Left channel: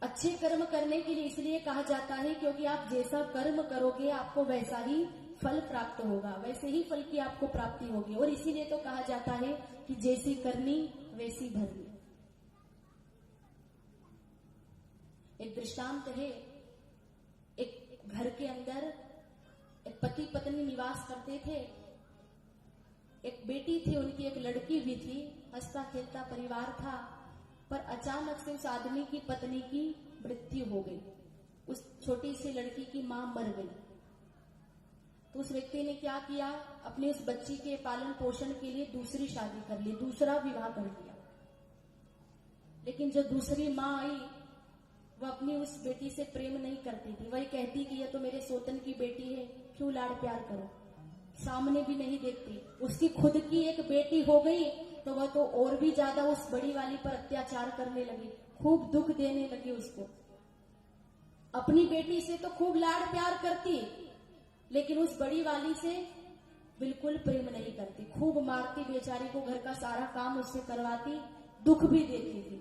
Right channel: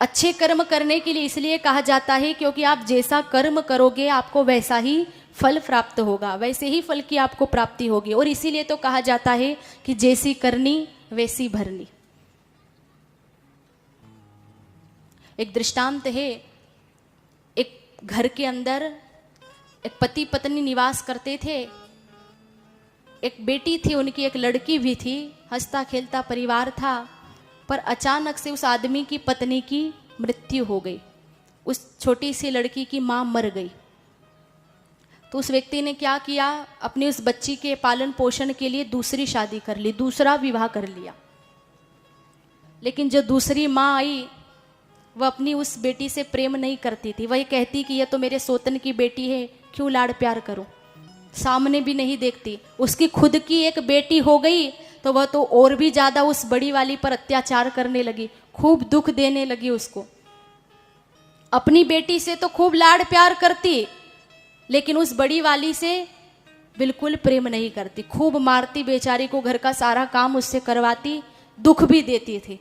अच्छे कर्म करने के लिए इसलिए कहा जाता है क्योंकि आप जैसा कर्म करोगे आपको वैसा ही फल प्राप्त होगा, वैसे ही फल की आपको प्राप्ति होगी। और इसीलिए तो कहा जाता है कि जैसी करनी वैसी भरनी। एक दृष्टांत है, एक घर के अंदर एक पति पत्नी निवास करते थे। एक बेटी थी उनकी, एक लड़की भी थी, हंसता खेलता परिवार था। पर अचानक से उस आदमी की पत्नी की मृत्यु हो गई, उस छोटी सी लड़की की माँ मर गई। तो उस व्यक्ति ने क्या किया, अपनी उस बच्ची के पालन पोषण के लिए दूसरी शादी कर ली, दूसरा विवाह कर लिया। लेकिन जो दूसरी माँ आई वह अपनी उस बेटी से प्रेम नहीं करती थी। वही कहती कि यह तो मेरे सोतन की बेटी है, क्यों लाड़ प्यार करूं, सामने भी नहीं देखती। उसकी खुद की एक बेटी हो गई तो वह तो और भी ज्यादा उस बड़ी वाली पर अत्याचार करने लगी, खूब दुख देने लगी उसको। अपनी बेटी से तो खूब लाड़ प्यार करती, लेकिन उस बड़ी वाली से बिल्कुल प्रेम नहीं करती, खूब मारती बेचारी को, घर का सारा काम उससे करवाती, दुख भी देती थी।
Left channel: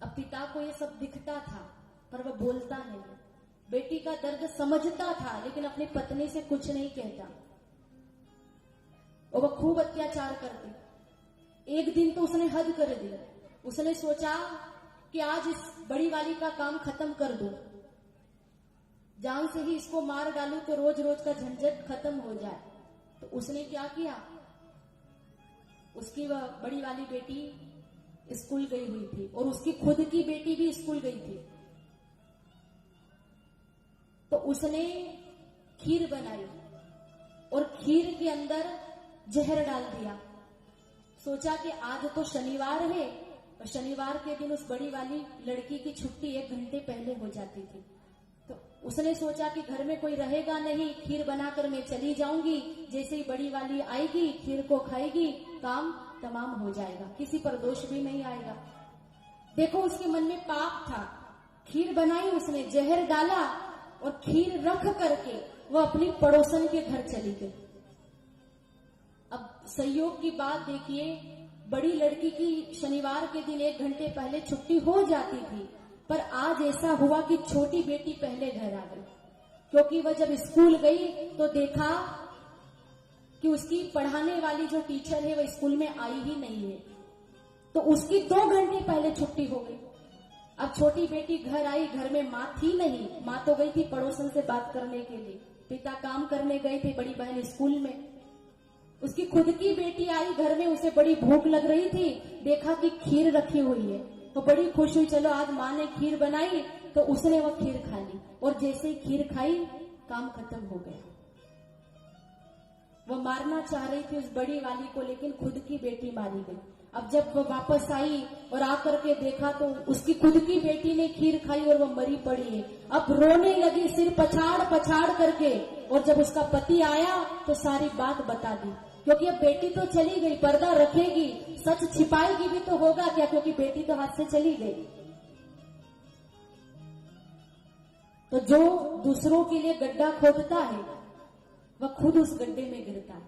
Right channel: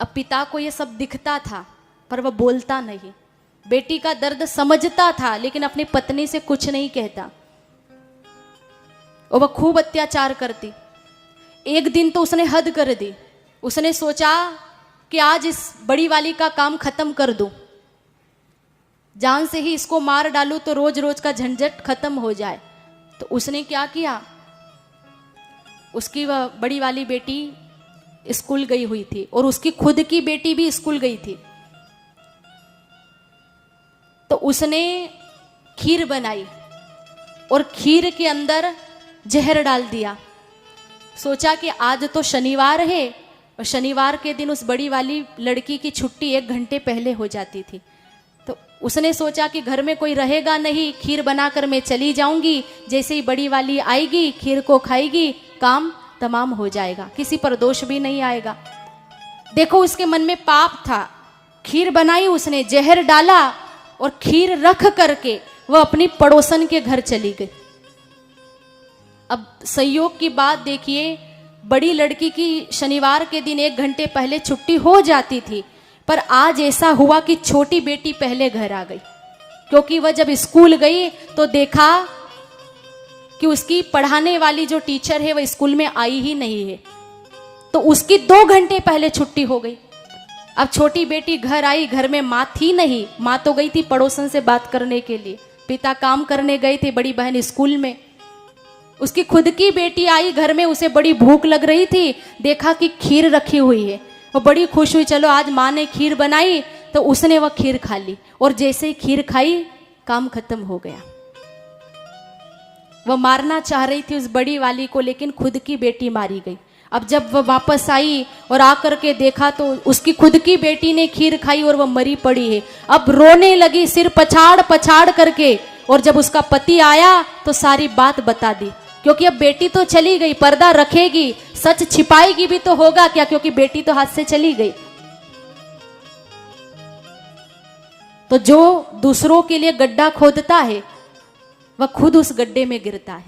अब पिता को यह सब दिखता था पर वह बोलता नहीं, बेटी का दर्द समझता था लेकिन अपनी पत्नी से कुछ नहीं कहता, और वह खूब अत्याचार करती। एक दिन तो उसने हद कर दी, उसने सोचा कि आज इस बड़ी वाली का काम खत्म कर दूं, जान से ही इसको मार डालूं तो रोज रोज का झंझट खत्म हो जाए। तो उसने क्या किया, उसकी वह बड़ी वाली बेटी स्कूल गई हुई थी और उसकी खुद की बेटी भी स्कूल गई थी। तो उसने खीर बनाई और खीर के अंदर जहर डाल दिया। सोचा कि आज तो शनिवार है और शनिवार के दिन उस बड़ी वाली लड़की की छुट्टी 1 घंटे पहले हो जाती थी। तो उसने सोचा कि घर में कोई रहेगा नहीं, खीर बनाकर मैं चली जाऊंगी, जैसे ही बड़ी वाली आएगी खीर को खाएगी, काम तमाम हो जाएगा, किसी पर दोष भी नहीं आएगा। देखो उसके मन में पाप था, खीर बनाई उसने, जहर डाला और खीर रख करके वह अपनी पड़ोसन के घर चली गई। अब संयोग की बात देखिए, बड़ी लड़की की शनिवार के दिन 1 घंटे पहले छुट्टी हो जाती थी, पर आज ऐसा हुआ कि छोटी बेटी पहले घर आ गई, क्योंकि वह जब स्कूल गई तो देखा कि उसकी पढ़ाने वाली जो टीचर है वह स्कूल में आई ही नहीं है। तो उसकी 2 घंटे पहले छुट्टी हो गई। अब छोटी बेटी घर आई, घर में माँ थी नहीं, माँ तो गई थी पड़ोसन से बात करने के लिए, पिता काम करने गए थे, बड़ी बहन स्कूल में। उसकी खुद की बेटी आई घर में, उसे बड़ी भूख लग रही थी, देखा कि खीर रखी हुई है, वो बड़ी खुश हुई, चलो आज माँ ने खीर बनाई, तो उसने वह खीर खा ली। और जैसे ही खीर खाई काम खत्म हो गया। वह मारना चाह रही थी उस बड़ी वाली को, लेकिन खुद की बेटी मारी गई। अब जब वह वापस आई और आकर के देखा तो उसकी खुद की बेटी ने खीर खाई और वह मरी पड़ी है। अब रोने लगी सिर पछाड़ पछाड़ करके, और जब उसका पति आया तो सारी बात बता दी, क्योंकि अब बेटी तो चली गई, पर्दा रखेगी, सच छिपाएगी भी तो होगा क्या, क्योंकि बेटी तो हाथ से चली गई। तो जो दूसरों के लिए गड्ढा खोदता है वह खुद उस गड्ढे में गिरता है।